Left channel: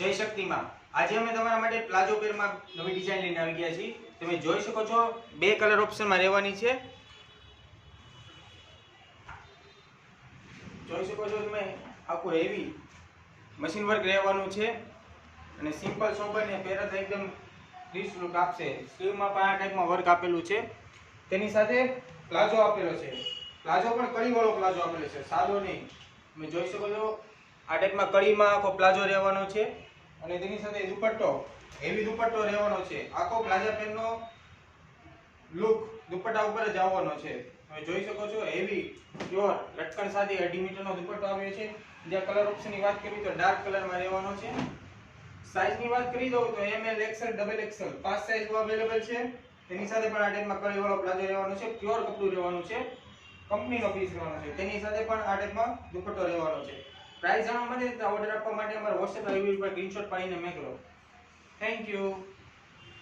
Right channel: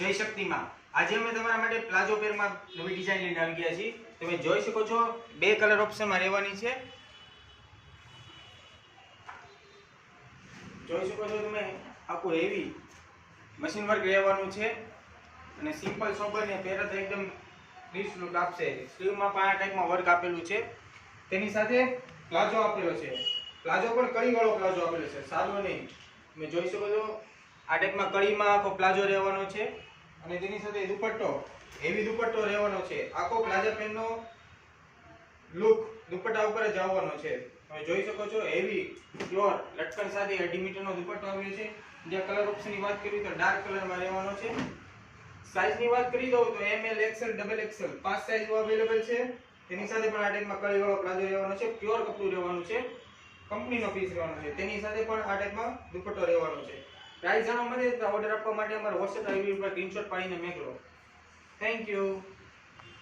જય શક્તિમાં આજે અમે તમારા માટે પ્લાઝો પેરમાં નવી ડિઝાઇન લઈને આવી ગયા છીએ. તમે જોઈ શકો છો બે કલર ઓપ્શનમાં રહેવાની છે. જોઈ શકો છો તમે આખું હેવી મશીન વર્ક રહેવાનું છે અને સિમ્પલ સોબર ને પહેરે તો એકદમ રીચ લુક આપશે. સ્લીવમાં પણ આ ટાઈપમાં વર્ક આપેલું છે. તેની સાથે પ્લાઝો આપેલો છે. પ્લાઝો પણ કળીવાળો પ્લાઝો આપેલો છે, સાદો નહીં. તમે જોઈ શકો છો આ ટાઈપમાં કળીમાં આખો પ્લાઝો રહેવાનો છે અને તેની સાથે દુપટ્ટો હેવી દુપટ્ટો રહેવાનો છે. આખો પ્લાઝા પેનનો લુક દુપટ્ટા ઉપર જ આવવાનો છે. તમે જોઈ શકો છો હેવી પ્યોર લટકન સાથે 2.5 મીટરનો દુપટ્ટો આવ્યો છે. જે કલર ઓપ્શનની વાત કરીએ તો ડાર્ક કલરમાં રહેવાનો છે. સાઈઝની વાત કરી દઉં તો ML XL double XL 5 size available છે. તેની સાથે પણ આ ટાઈપમાં કળીવાળો પ્લાઝો રહેવાનો છે. પ્યોર કપડું રહેવાનું છે, કંપનીનો પીસ રહેવાનો છે. તેની સાથે પણ આ ટાઈપમાં દુપટ્ટો રહેવાનો છે. પ્રાઇસ જાણવા માટે ઓર્ડર આપવા માટે અમારા WhatsApp પર સ્ક્રીનશોટ પાડીને મોકલો. Thank you.